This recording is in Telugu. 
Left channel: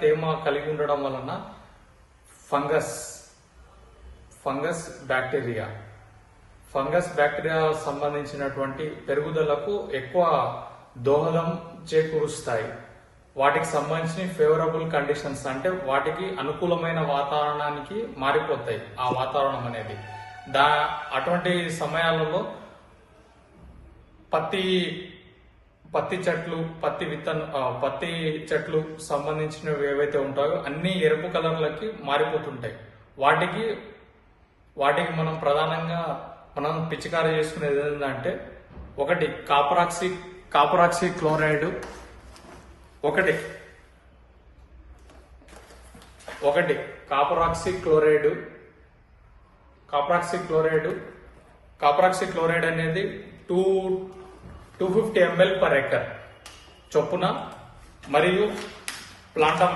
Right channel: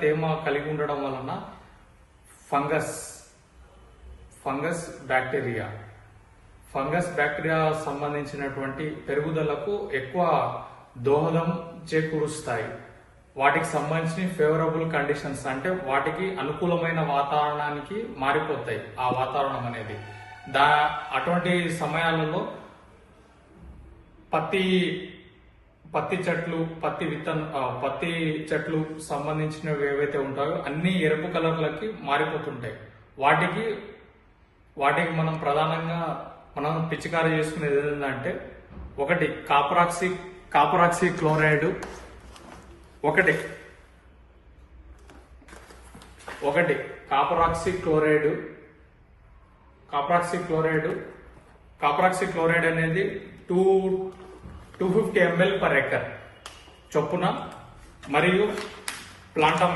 తేమ కలిగి ఉండడం వలన ఫంగస్ బ్యాక్టీరియా సంబంధించినటువంటి పెరుగుదలకు ఎక్కువ దోహదం చేకూరుస్తాయి. వాటికి సంబంధించిన ఫేవరబుల్ కండిషన్స్ అంటే వాటికి అనుకూలమైన వాతావరణానికి మారిపోతాయి. ఆ వాతావరణం అనేది అటువంటి సమయాలలో పత్తి చెట్లు సంబంధించినవి ఏవైతే ఉంటాయో అన్ని ఎరుపు కలర్లకి మారిపోతుంటాయి. వాటికి మనం ప్రధానంగా పిచికారీ చేసుకునేది ఏంటంటే ఒకటి కాపరాక్సీ క్లోరైడ్, కాపరాక్సీ క్లోరైడ్ అనేది 250 ml per acre చొప్పున, మరియు ప్లాంటామైసిన్